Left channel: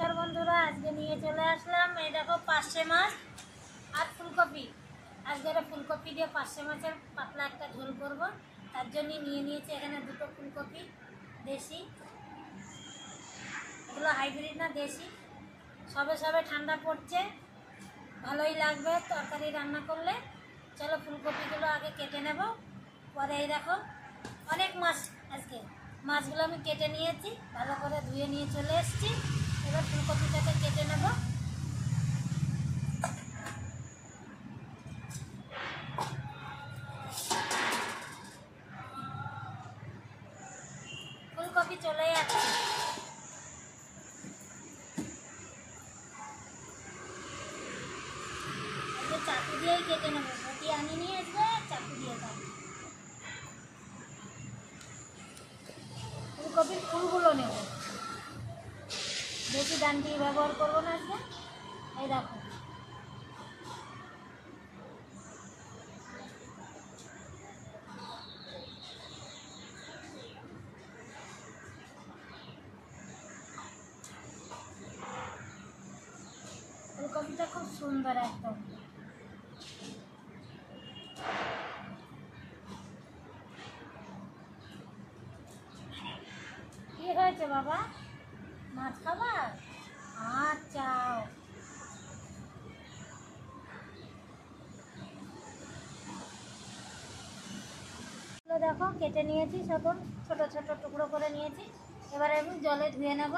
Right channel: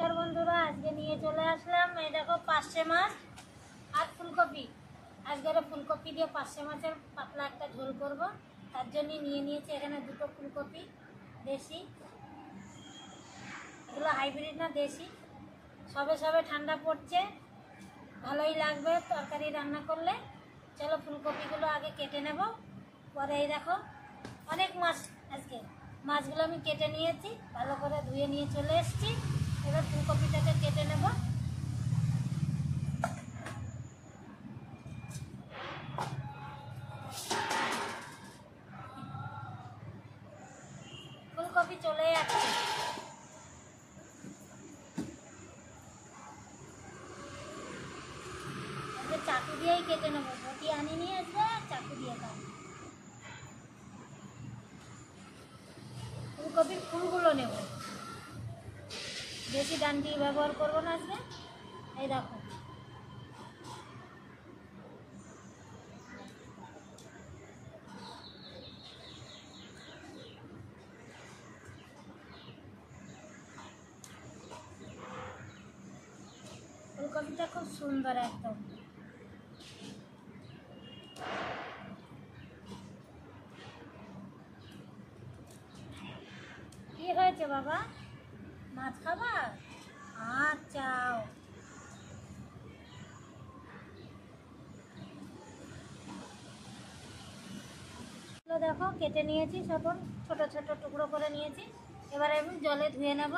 नमस्कार बंधुरा आज के निये चले आसलाम ये देखो पार्शे माछ और फुलकपि आज के फुलकपि दिए पार्शे माछेर पातला एक झोल करब तार जन्य निये नियेछि एखाने दुटो फुलकपि देशी एगुलो हाइब्रिड ना देशी सबे सबे ठंडा पड़ছে ভালোই লাগবে তরকারি রান্না করলে। চলো ফুলকপিগুলো আগে কেটে নেব পরে এই দেখো অনেক মাছ আজকে মাছগুলো আমি কেটে নিয়েছি ভালো করে ধুয়ে নিয়ে চলে এসেছি। এবার ফুলকপিটাকে কেটে নেব। ফুলকপি চলে যাচ্ছে चाकू दिए ही केटे नेब बटी आनी नहीं आसबे चाकू दिए काटब। फुलकपिर फुलगुलो नेब बेशी डांटी व्यवहार करब ना आज के देखो फुलकपिटा खूब सुंदर एकदम बाबा माछ खाबार चाओ देखो केटे निয়েছি सब छोटो छोटो टुकरो करे निয়েছি। এবারে আমি জলে ধুয়ে নেব।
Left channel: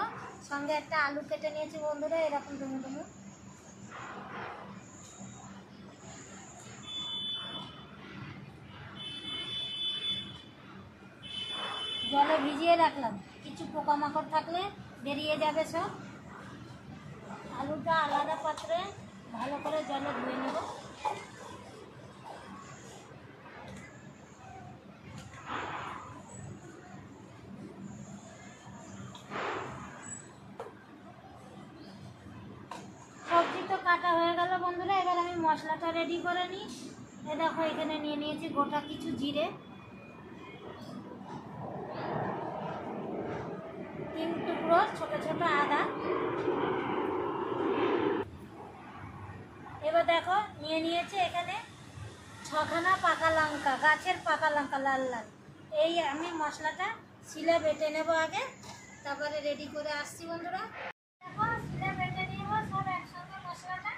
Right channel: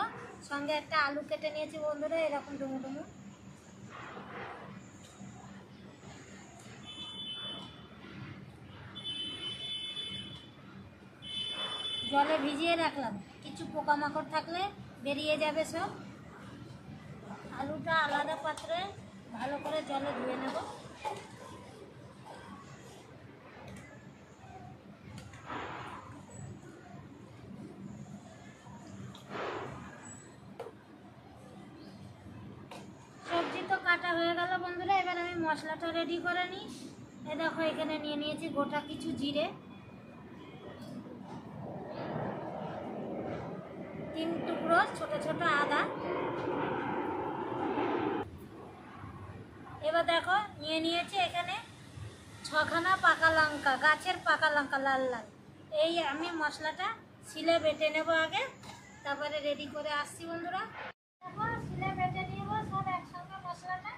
সঙ্গে একটা আলু কেটে নিয়েছি বন্ধুরা এরকম ডুমু ডুমু। জলে ভিজিয়ে রাখলাম কিছু পোকামাকড় থাকলে বেরিয়ে যাবে সব। আলুটা আলাদা পাত্রে ভালো করে জলে ধুয়ে নেব। সবজি তো কাটা হয়ে গেল বন্ধুরা এবার আমি মশলাটা রেডি করে নিই। এই দেখো এখানে নিয়ে নিয়েছি গোটা কিছু জিরে 3 টুকরো ছোট ছোট আদা। এবার দেখো নিয়ে নিয়েছি এখানে 6খানা পাকা লঙ্কা গাছের পাকা লঙ্কা লাল লাল। এই আমি মশলাটা শিলে বেটে নেব আগে তারপরে রেডি করে আসছি বন্ধুরা। দেখো শিলে বেটে নিব সব একসঙ্গে মশলাটা।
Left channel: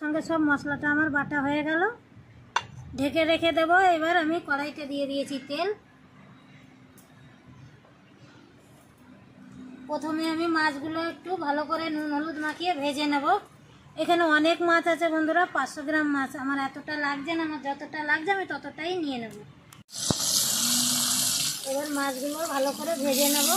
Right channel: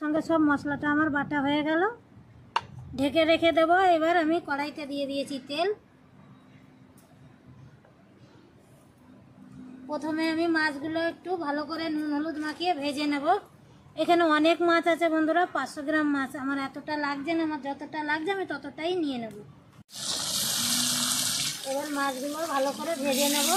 সঙ্গে সব মশলাটা আমার বাটা হয়ে গেল ঢেকে রেখে দেব। এবার আমি কড়াইতে দিয়ে দিয়েছি তেল। প্রথমে আমি মাছগুলো একটু ভালো করে নুন হলুদ মাখিয়ে ভেজে নেব। এখানে অনেক মাছ আছে বন্ধুরা 500 গ্রাম মাছ আমার এতটা লাগছে না আমার যতটা লাগছে আমি ততটাই নিয়ে নেব। এবার মাছগুলো ভালো করে ভেজে নেব।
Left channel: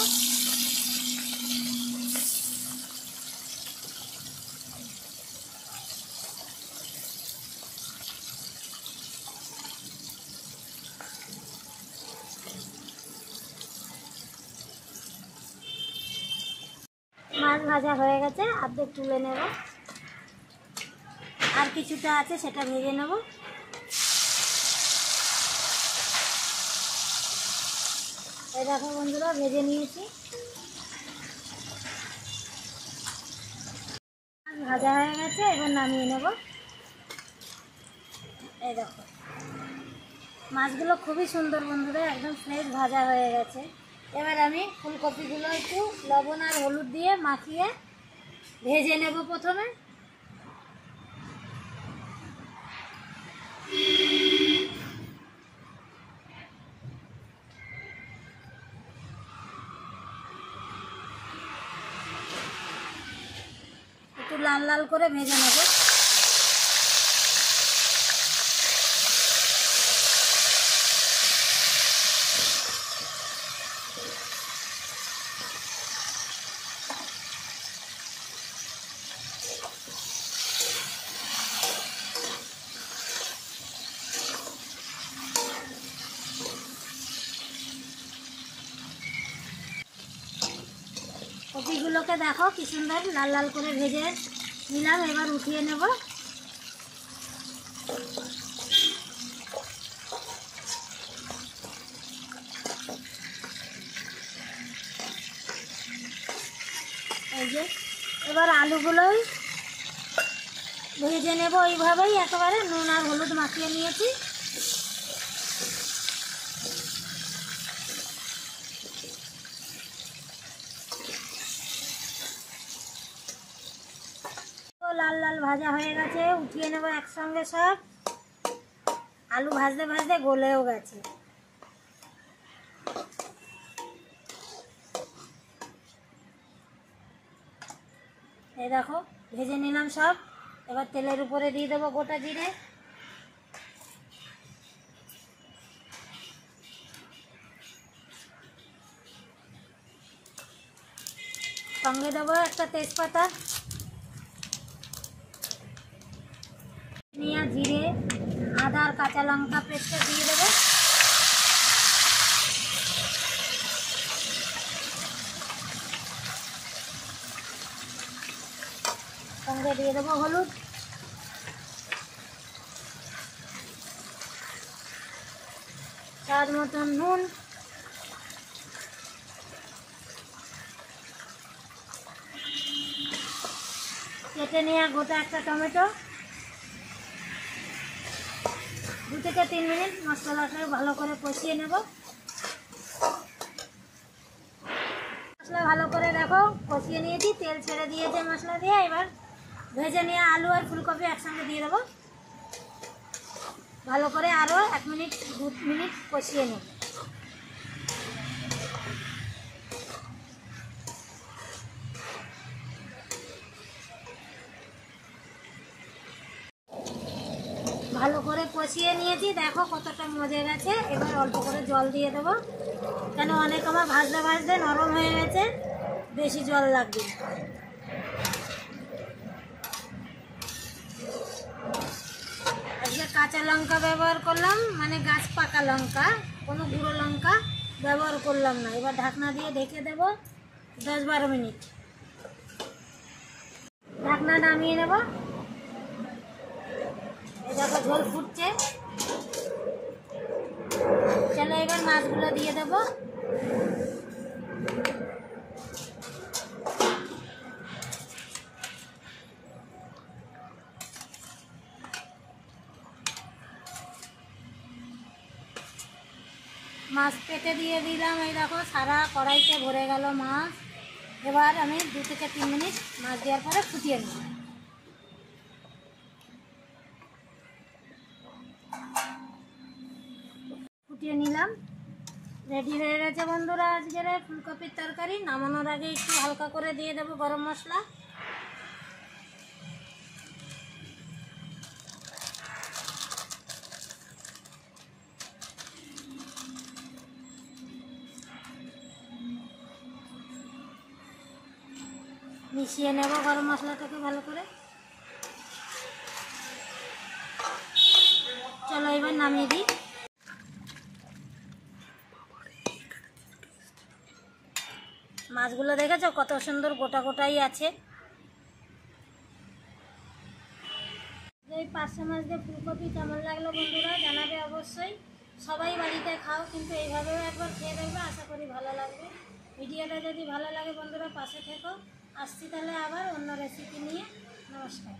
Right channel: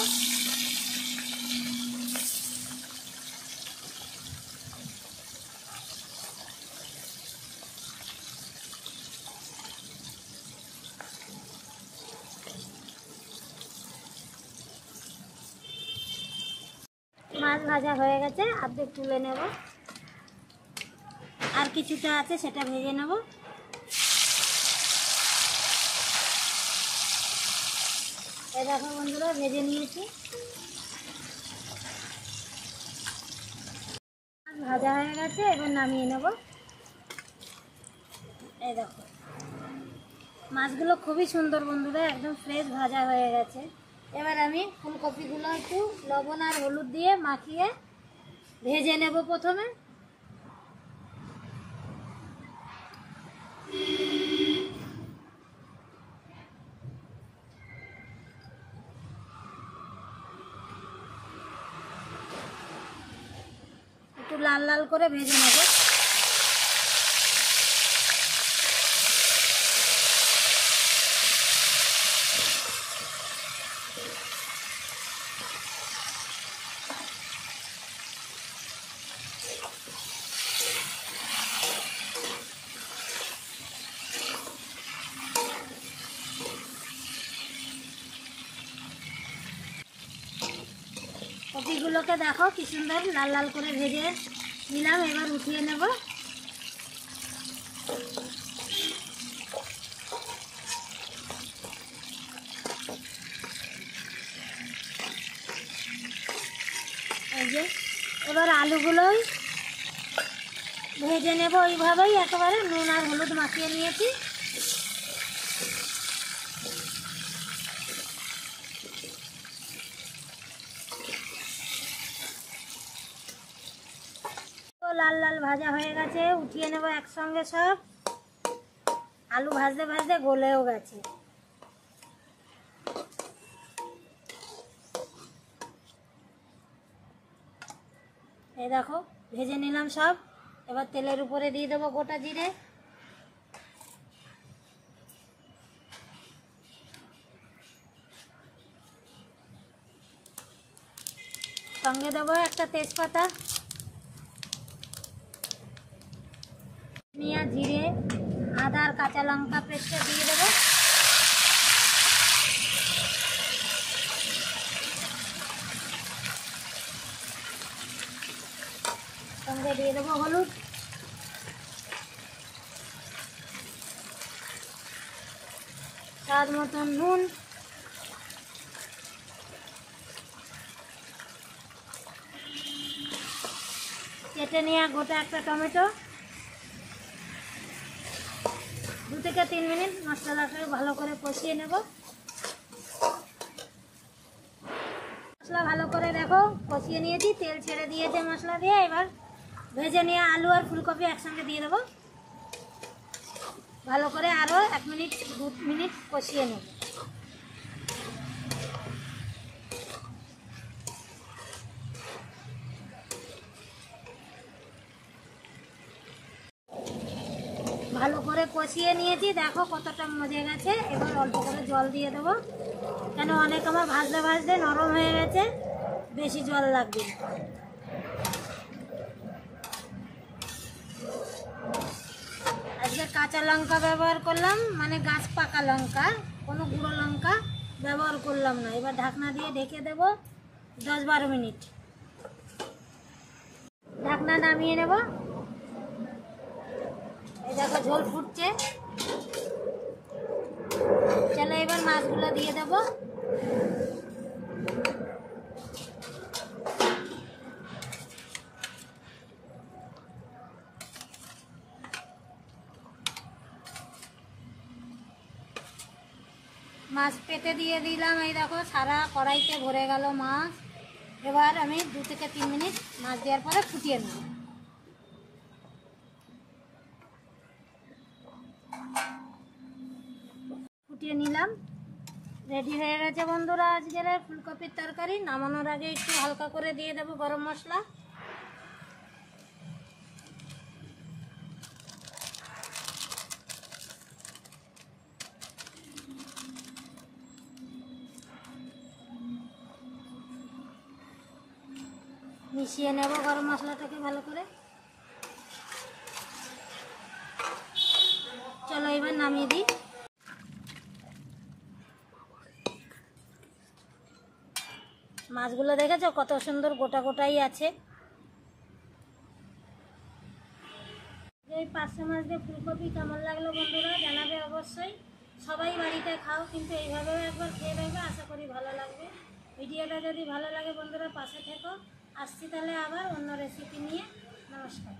মাছ ভাজা হয়ে গেছে অর্ধেক তুলে নেব আর কিছুটা আছে সেটা ভেজে নেব। এই দেখো বন্ধুরা ভেজে নিয়েছি ভাজা হয়ে গেছে এবার নামিয়ে নেব। এই দেখো মাছগুলো খুবই সুন্দর বন্ধুরা একদম ফ্রেশ ভাজা হয়ে গেছে। এবার আমি ফুলকপিগুলো একটু লবণ আর হলুদ দিয়ে মাখিয়ে ভেজে নেব। প্রথমে একটু লাল লাল করে ভেজে নেব। কপিগুলোকে দেখো কি সুন্দর লাল লাল করে ভেজে নিলাম। এবার উঠিয়ে নেব। এবার আলুগুলোই ভেজে নেব এইভাবেই, একেবারে নুন আর হলুদ মাখিয়ে নিয়েছি। তো লাল লাল ভাজা হয়ে গেছে, উঠিয়ে নেব একসঙ্গে সব। আলু ভাজতে ভাজতে গলেও গেছে। এই দেখো ভেজে নিলাম সব। এবার তেলের উপরে দিয়ে দেবো গোটা জিরে, সঙ্গে দেবো একটা তেজপাতা, ধনিয়া, জিরে, আদা আর কাঁচা লঙ্কা পেস্টটা দিয়ে দেবো। সঙ্গে দিয়ে দেবো হলুদ, স্বাদ মতন নুন, কেটে নেওয়া গোটা একটা টমেটো। 2 থেকে 3 মিনিট মশলাটাকে ভালো করে কষিয়ে নেব। মশলা ভালো করে দেখো কষিয়ে নিয়েছি, তেল ছেড়ে দিয়েছে মশলা দিয়ে। এবার ভেজে নিয়ে আলু আর ফুলকপি একসঙ্গে দিয়ে দেবো। ভালো করে আরও 1 মিনিট 2 মিনিট কষিয়ে নেব। ভালো করে কষিয়ে নিয়েছি, দেখো কতটা মজে গেছে। এবার অল্প করে জল দিয়ে দেবো, কেন অনেক আমার ভাজতে ভাজতে নরম হয়ে গেছে, বেশি জল লাগবে না। আজকে কাঁচা লঙ্কা ব্যবহার করলাম, মানে গাছ পাকা লঙ্কা, কোনো গুঁড়ো লঙ্কা ব্যবহার করলাম না। এবার ঢাকনা দিয়ে ঢেকে দেব 10-12 মিনিট। ঢাকনা নামিয়ে নেব। এই দেখো ঝোল ফুটছে। চলো এবার মাছগুলো দিয়ে দেবো। মাছ পেতে দিয়ে দিলাম। এই দেখো সারা কড়াইতে ভরে গেল মাছ। এবার আমি 2 থেকে 3 মিনিট মাছ দেওয়ার পরে ফুটিয়ে নেব। ফুটিয়ে নিলাম, রেডি হয়ে গেছে বন্ধুরা আজকের ফুলকপির তরকারি। নামানোর আগে একটু হালকা করে দিয়ে দেবো গরম মশলা। মিশিয়ে নেব গরম মশলাটাকে ভালো করে। চলো এবার নামিয়ে দিই। মাছগুলো দেখেছো কত সুন্দর গোটা গোটাই আছে। এই 500 মাছ দিয়ে ফুলকপি কেমন লাগলো বন্ধুরা জানাবে অবশ্যই। সবাই বাড়িতে খাও, কিন্তু এইভাবেও একবার খেয়ে দেখবে, আশা করি ভালো লাগবে। ভিডিওটা যদি ভালো লাগে বন্ধুরা পাশে থেকো। আসছি তাহলে আবার অন্য রেসিপি নিয়ে। নমস্কার।